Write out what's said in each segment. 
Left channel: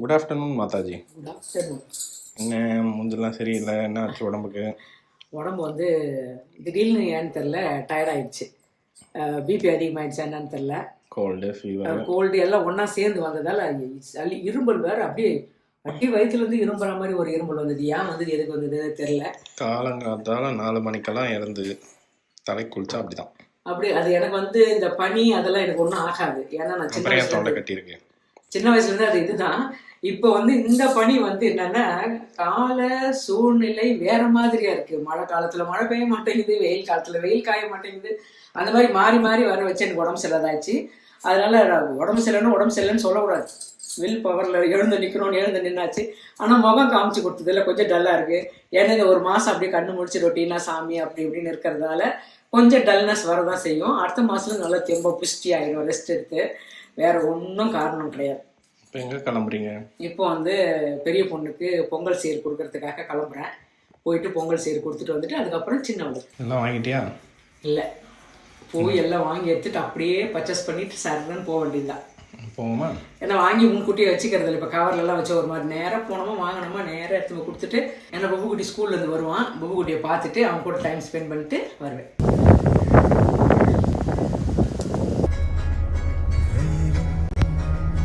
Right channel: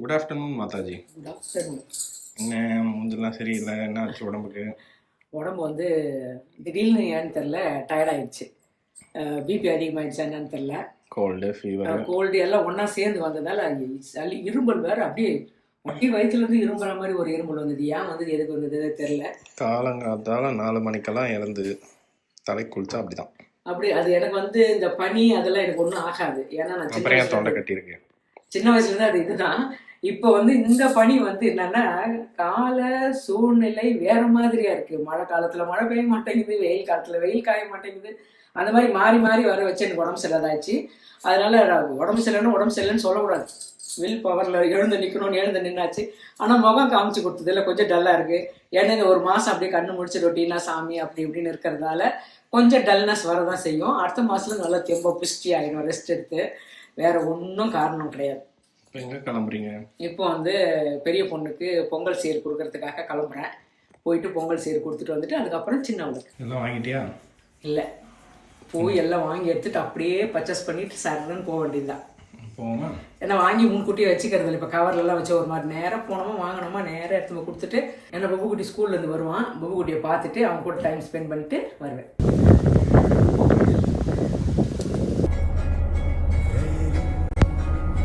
Good afternoon Mataji. Good afternoon. என்ன மூஞ்செல்லாம் சரியில்லை, என்ன ஆச்சு உடம்புக்கு? உடம்பு வந்து திடீர்னு ஏன்னு தெரில டயர்டாயிடுச்சு. பிபி அதிகமாகிடுச்சு என்னன்னு தெரில. கோல்டு ஃபீவர் கோல்டு எல்லாம் ஒன்றா சேர்ந்து வந்ததால் சளி இரும்பல் வேறு அப்படியே அடி வயிற்றுலேருந்து இரும்புற மாதிரி ஒரு இரும்பல் வந்தது. ஏன் வந்தது எதுக்கு வந்தது தெரில. காலங்காத்தால 4 மணிக்கெல்லாம் இறந்து தலை குளிச்சா அப்படிதான். அப்படி அது எனக்கு வந்து இந்த பனி அதெல்லாம் எனக்கு ஒன்றும் ஆகாது. ஏன்னா நான் அப்புறம் தொண்டை கட்டியிருக்கு. சின்ன வயசுலேருந்து அது இதுதான். இப்போ வந்து இந்த பனி வந்து என்னன்னா கால சூழ்நிலை வேற மாதிரியா இருக்கு. மழை காலத்துல மழை பெய்ய மாட்டேங்குது, வெயில் காலத்துல வெயில் காய மாட்டேங்குது. அந்த மாதிரி மாறி மாறி வர வச்சு எனக்கு உடம்பு சரியில்லாதாச்சு. அதனால உடம்பு சரியில்லைன்னு சொல்லக்கூடாது. வில் பவர்ல எழுந்து நிற்கணும்னு எழுந்து நின்னாச்சு. ஆனால் முகம் காமிச்சு கொடுத்ததில்ல, கொஞ்சம் டல்லாக இருக்கு. ஏன்னா இந்த ஒரு மாதம் அப்படியே கண்ணு முடிச்சு ரொட்டீனா சாமி அப்படி இப்படின்னு இருக்கிறதால கொஞ்சம் டல்னஸ் வரதான் செய்யும். அடுத்த மாதத்துல நல்லா தெம்ப புஷ்டி ஆகிடும் ரெஸ்ட் எடுத்து. வேற ஒன்றும் காரணம் கிடையாது. இப்போ எங்கே கிளம்புறீங்க? இப்போ வந்து பெரிய பொண்ணுக்கு பொங்கல் சீர் கொடுக்கறதுக்காக கிளம்புறேன். போயிட்டு பொங்கல் சீர் கொடுத்துட்டு வந்துட்டு அதுக்கப்புறம் சின்னவளுக்கு எல்லாம் வாங்கிட்டியா? இல்லை, போய் எல்லாம் வாங்கி எடுத்துட்டு அப்படியே பர்ச்சேஸ் பண்ணிட்டு சரன்னு போக வேண்டியதுதான். போவோமா? ஏன்னா வாங்கி முன்கூட்டியே வச்சுக்கிறது இல்லை. இப்போ கவர்லெல்லாம் வச்சு ஒரு மாதிரி நேராக போனோமா வாங்கினோமா நேராக எடுத்து கொடுத்துட்டு என்ன பப்புக்குட்டி ஸ்கூல்லேருந்து வருவான். பப்புக்குட்டியை பார்த்துட்டு அவன் கூட டைம் ஸ்பெண்ட் பண்ணிட்டு வருவேன்.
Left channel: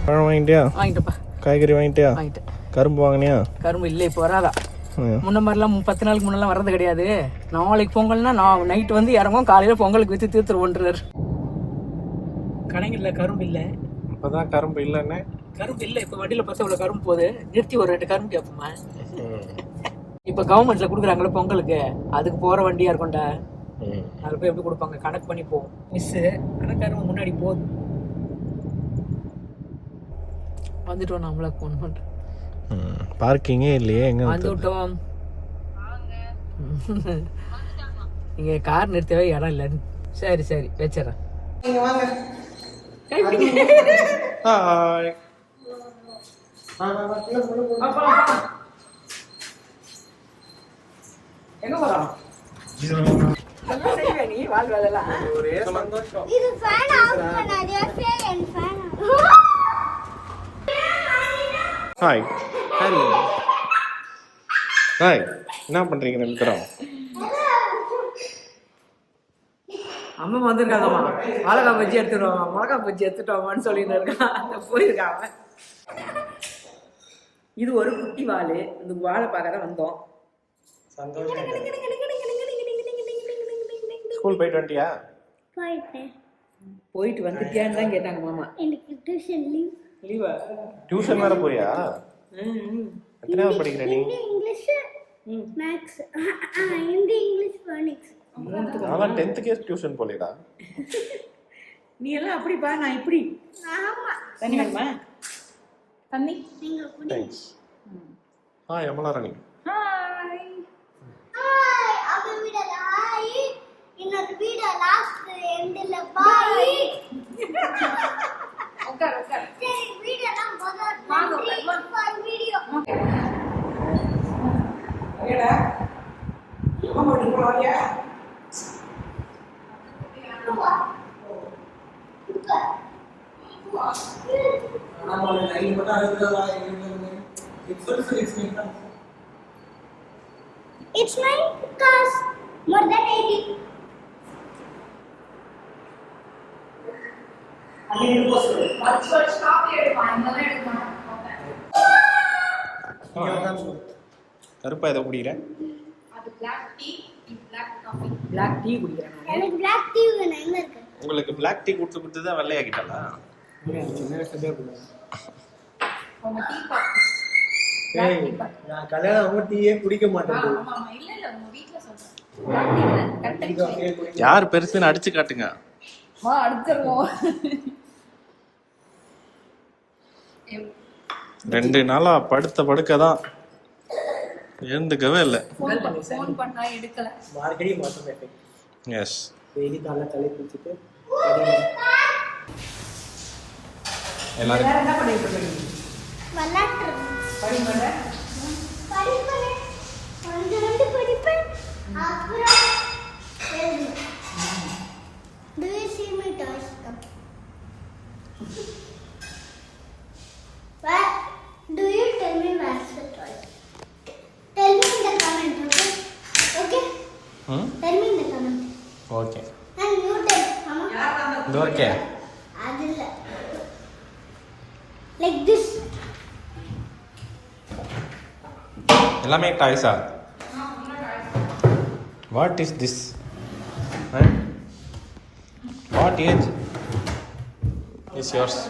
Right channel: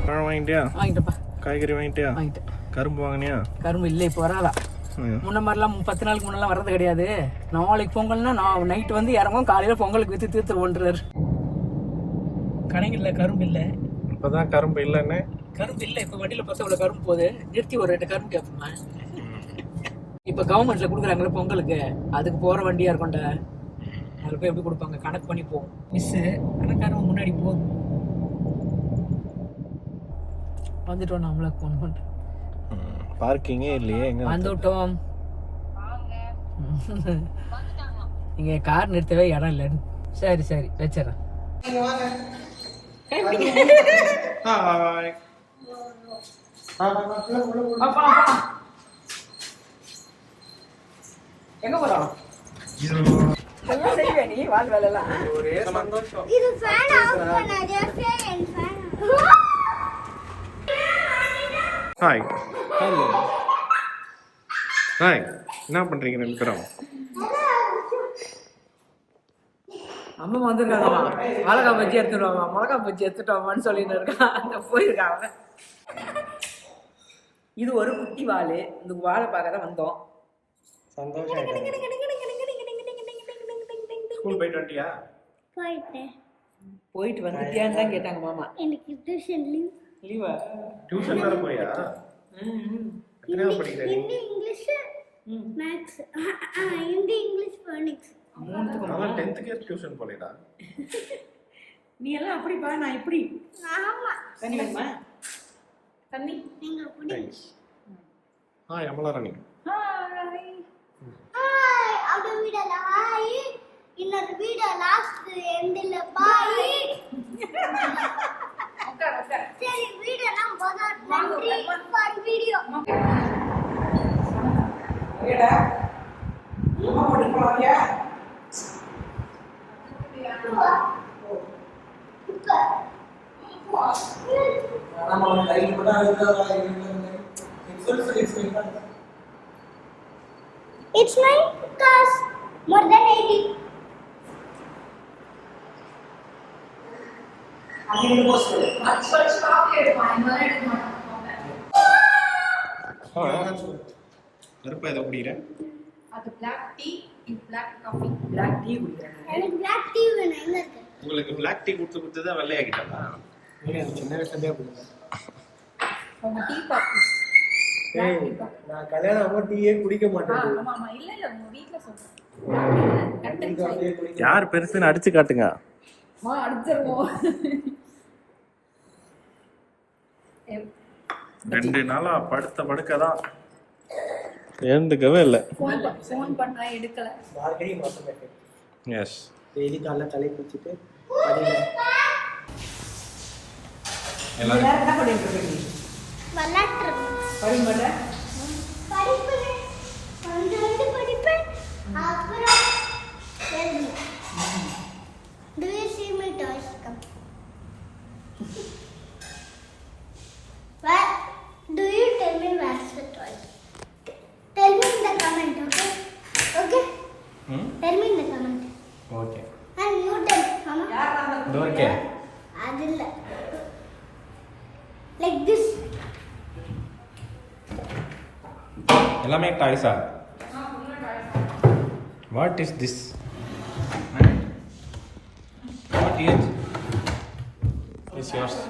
பழம் வாங்கிட்டியா? வாங்கிட்டப்பா. காய்கறி வாங்கிட்டியா? வாங்கிட்டேன். கரும்பு வாங்கினியா? கரும்பு இல்லை, இப்போ வராதா. முன்ன மாதிரிலாம் 10 நாளுக்கு முன்னெல்லாம் வர்றது கிடையாது. நாளைக்கு பொங்கல்னா நான் நைட்டு வந்து இறங்கும், காலையில் பொங்கலுக்கு விற்று தீர்த்துருவோன்றார். கடைங்களில் கரும்பு இல்லை. இப்போதான் கரும்பு இல்லைன்னு. கரும்பு இல்லை, இப்போ வண்டியில் பார்த்தா இவ்வளோ கரும்பு போகுது. நிறுத்தி ஒரு 2 கரும்பு கேட்போமா? இப்போ கவர்மெண்ட்டில் கொடுக்குறாங்களே பொங்கலுக்கு, அதுக்கு போகிற வண்டியாக இருக்கும்டா. அதில் போய் எப்படி கொடுப்பாங்க, கணக்கு பண்ணி போகும் மிஸ்ஸு. ஆனால் கரும்பு முன்னாடி போகுது. வந்துட்டோம், நம்மளுக்கு ஃபோன் பண்ணுறேன். பார்க்கிங்கே இல்லையே, எங்கே வந்துவிட்டோம். இங்கே கார் நிறுத்தவே இடம் இல்லைன்னு. சரி சரி வச்சிடறேன். ஹாய். எங்க போறோம்? நீ வாழ் வேலைலாம் ஒரே சந்தோஷம். ஹாய். ஹலோ. ஹாய். என்ன பண்றீங்க ரெண்டு பேரும்? அம்மா வந்திருக்காங்கம்மா. மிளகா பஜ்ஜி எடுத்துடுவாங்க, மிளகா பஜ்ஜி எடுத்துட்டோமான்னு சொல்லிட்டு இருக்கான். அந்த போயிருக்காங்க. இது ஒரு குட்டி வாள். இந்த வாழை பார்க்க தான் வந்தோம். ஸ்கூல் போயிட்டு வந்துட்டியா? போயிட்டு வந்துட்டியான்னு தான் கேட்டாங்க மாமா. எனக்கு டியூஷன் லீவா? டியூஷன் வேற போறியா? எத்தனாவது படிக்கிற நீ? Hindi English maths. Hindi English Phoenix. நான் 10th கேஸ் டியூஷன் போலேடா. நீ எல்லாம் அப்படிப்பா, நான் இப்படி. ஆமா. தண்ணி வேணுமா? தண்ணி நீங்க குடி. தேங்க்ஸ். ஹாய் அமலா ராணி. ஹாய். ஹாய். அங்க வீடல ஹாய். இன்னொரு வீட லாஸ்ட் எண்ட்ல பாய். ஓகே. சரி வீடெல்லாம் போதா. நன்றி ஃபார் வீடியோ. ஏடா அம்மா போடு போறியா? It's 9 because more than 80. கருப்பா ஏதோ குடிக்கிறேன். அது black tea, black coffee. black tea குடிக்கிறேன். எனக்கு black tea வேணும். எங்க இருக்கு? உங்களுக்கு பிளாக் டீ கொடுத்து கொடுத்து தான் வெள்ளையாக்கிட்டாளா? சின்ன வயசுலேயே அப்படிதான். உங்க டீ பாட்டு. black tea பாட்டு. நான் கல்யாணம் அவங்க டீயே குடிக்க மாட்டேன். ஆமா ஆமா இல்ல இல்ல உங்க வீட்ல சொல்றேன். black tea கட்டன் சாய். யார் பெருசுன்னு அடிச்சு காட்டுங்க. வா அடிச்சிருவோம். 2 நாளா படுத்த படுக்க தான், எழுந்துக்கவே இல்லை. ஃபோன் பண்ணா எடுக்கல. மார்கழி மாசம் எஃபெக்ட். எஸ். டெய்லி காலைல தலை குளிச்சுட்டு படிக்கிறேன். எல்லாரும் என்ன பண்ணிட்டு இருக்கீங்க? விளையாடுறேன். படிப்பேன். படிப்பேன். கொஞ்சம் படிப்பேன். அப்புறம் எழுதுவேன். Do you see my toys come? What? Do Tell me in the comment. Okay And you tell, Mama. இதோ இருக்கே Adilla. Like this. எல்லாமே டாய்ஸா what is this what age is yours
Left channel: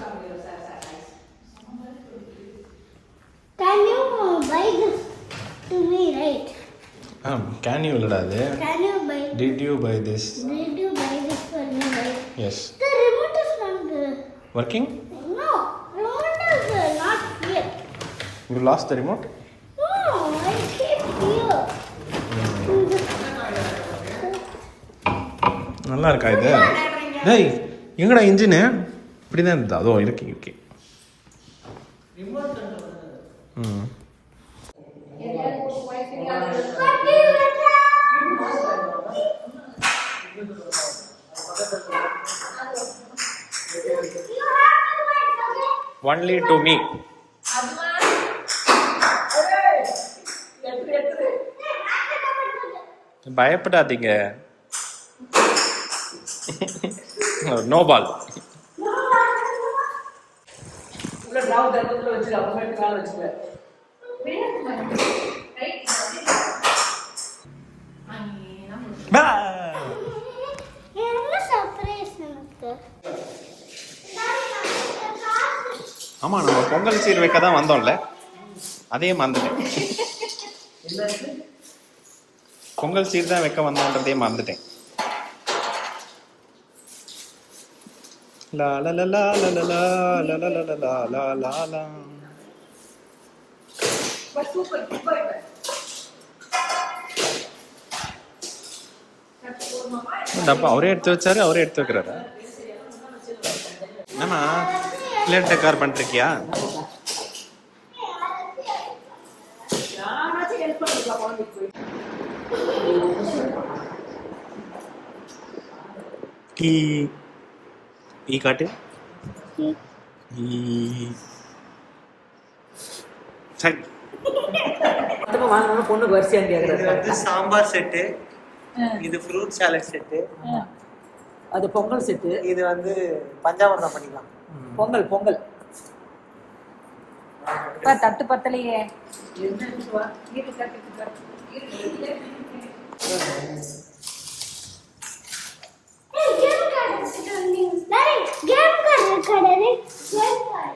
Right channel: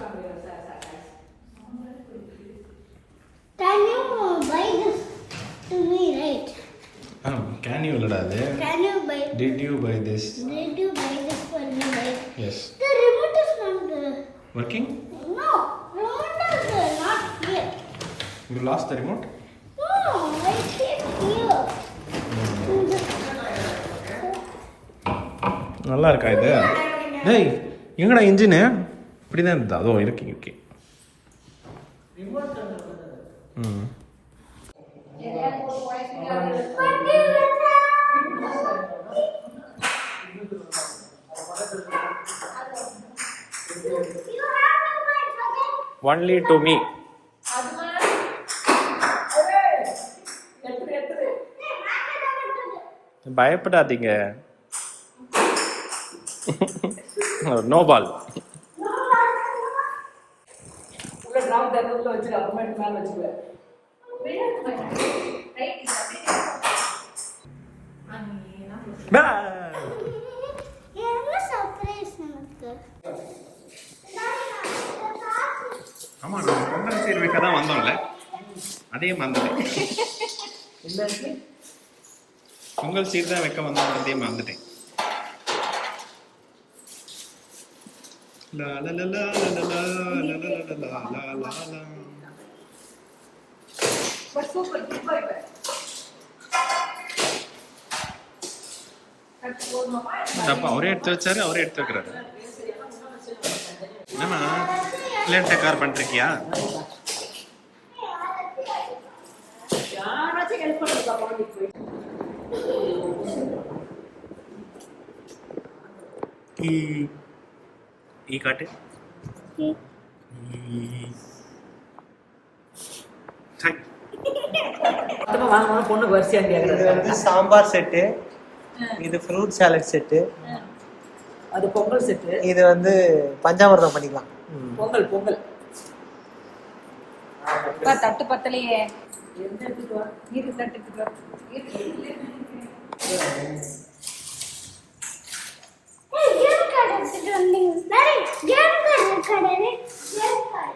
Can you buy this to me, right? Can you இல்லடா அது Can you buy? Did you buy this Did you buy this for me, right? Yes The remote is not. Working No, remote is not here. You lost the remote No, I keep here. நல்லா இருக்கா இது டேய் எங்கடா engine இப்படி தான் இருந்தது அதோ இருக்கு ஓகே ம் ஒன்லி டு மீ பயப்படாதீங்க நோ பால் உள்ள டிராப் தரத்துல வச்சு அப்புறமா எடுத்து மேல வச்சுக்குவேன். என்ன surprise நமக்கு? ஆமாம் நம்ம பொங்கல் சீர் வைக்க தான் வந்தோம்ல அதே மறந்துட்டேன் பொங்கல் சீர் தான் வைக்க வந்தோன்றதே மறந்துட்டேன் லா லா லா லா லா லா லா லா லா லா லா லா லா சூப்பர் சூப்பர் டப்பா அவரே எடுத்து வச்சாரு அவரே எடுத்து வைக்கிறாரு என்னம்மா பிளேட் டெக்கார் பண்ணிருக்கியா யாராச்சும் ஹெல்ப் பண்ணுங்க குழந்தைக்கு. ஈ ஈ காட்டு ஈ சரி மொத்தமா வாங்கினாலும் பொண்ணுக்கு வரிசையா இது கேட்கறது. வந்து சாம்பார் செட்டு, இது ஃப்ரூட் சாலட் செட்டு, அது பொங்கல் செட்டு. இது வந்து பஞ்சாமிர்தம் பண்ணிக்கலாம். பொங்கல் பொங்கல் தட்டு பத்தலையே என்ன எடுத்துட்டு வா. இரு தட்டு Hey, game card எடுத்துட்டு வந்தீங்க. Nari, game card இருக்காடே. Game card.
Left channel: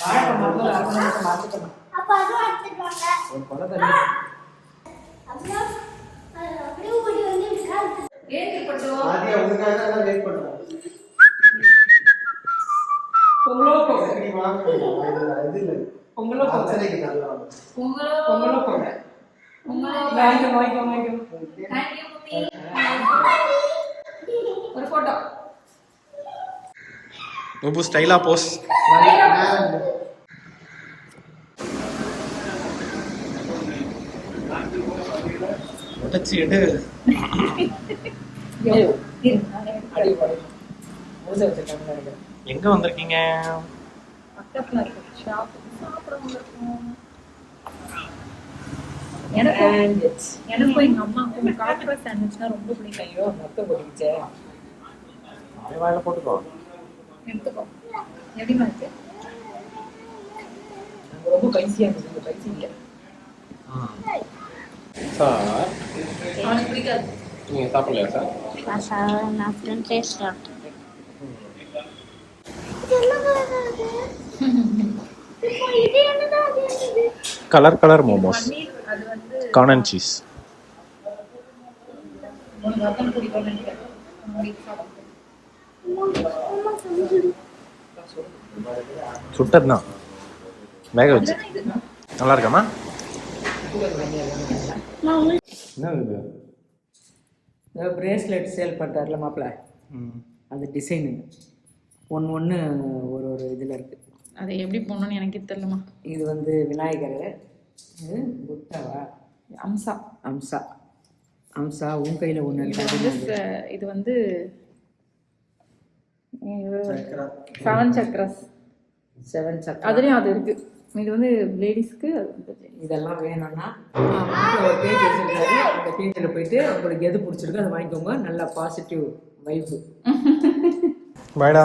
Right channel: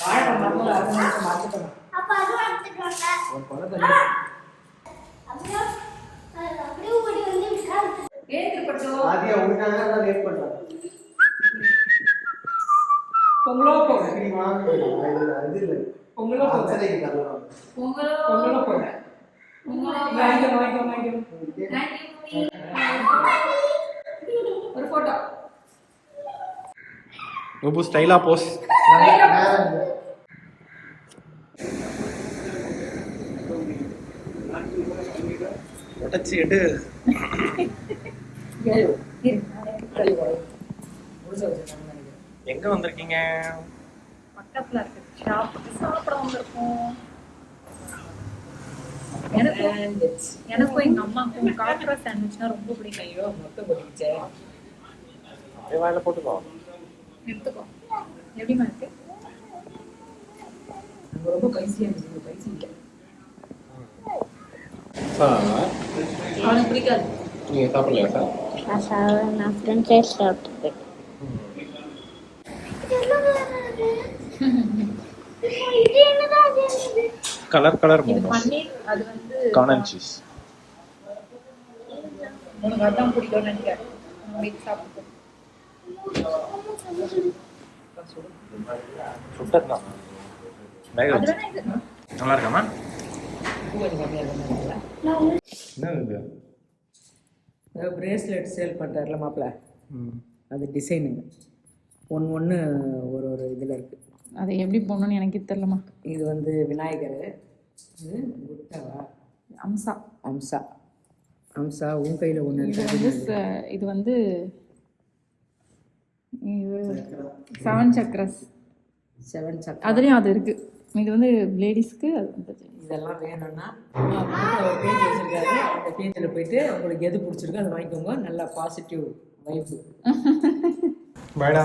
வாழைப்பழம் மரத்துல அரை மணி நேரம் மாத்திக்கணும். அப்ப அதுவும் எடுத்துட்டு வாங்க. ஒரு பழம் தள்ளி. அப்புறம் அது அப்படியே ஓடி வந்து உட்கார்ந்து. ஏந்திர பட்டு ஆதியா உனக்காக தான் வெயிட் பண்றோம். பொங்கலோ பொங்கல். இப்படி வாங்க. இது இல்ல. பொங்கலோ பொங்கல். அச்சனைக்கு நல்லா. பொங்கலோ பொங்கலோ பொங்கல். வாங்கிக்கோ. ஒரு போட்டோ உப்பு ஸ்டைலா போஸ் உடச்சி எடு எங்க வந்திருக்கீங்க பக்கத்துல இருக்கு ஷாப்புக்கு சாப்பிட வந்திருக்கோம். எனக்கும் எங்க அம்மாக்கும் காக்கரா சாண்ட்விச்னா ரொம்ப பிடிக்கும். ஐயோ மொத்தம் போட்டுக்கிச்சே. வாயில போட்டுக்கோ. எடுத்துக்கோ. எப்படிமா இருக்கு? அங்க ரொம்ப பைசியா இருந்துச்சு. பைசி இல்ல. சார் அவனுக்கு பிடிக்காது. நீங்க சாப்பிடலையா சார் நான் ஃப்ரெண்ட்ஸே சாப்பிட்டு இது என்னதான் அது என்னது கலர் மோமோஸ் பன்னீர் அது வந்து கார்ன் அண்ட் சீஸ் உனக்கு அதான் பிடிக்கும்னு நினைக்கிறேன். நம்ம வீட்டு சாப்பிடுவோம். சுட்டர் தான் வேக வச்சு நல்லா இருக்காமா என்ன இது பிரேஸ்லெட் சேல் பண்ணுறாருல மாப்பிள்ள, அது டிசைனுங்க ஒன்று ஒரு ஒரு இதில் இருக்குது. அதை எப்படி போகணும்னு எனக்கு தெரியலமா. இது வந்து விநாயகர், இது குட்டாவா, அம்சா அம்சா அம்சா உன் கையில் ஒன்று இது இருக்குது. வந்து இது வந்து 7 சக்கரஸ் 7 சக்கரம். அதுலேயும் அது இருக்கு. இது வந்து லேடிஸ்க்கு அது வந்து இதெல்லாம் வேணும்னா மாப்பிள்ள ஒரு பேஜ் வச்சுருக்காரு, அந்த பேஜில் போயிட்டு உங்களுக்கு எது பிடிச்சிருக்கோ அதை வாங்கிக்கோங்க. நல்லா பாசிட்டிவ் வைப்பு. பாய்டா.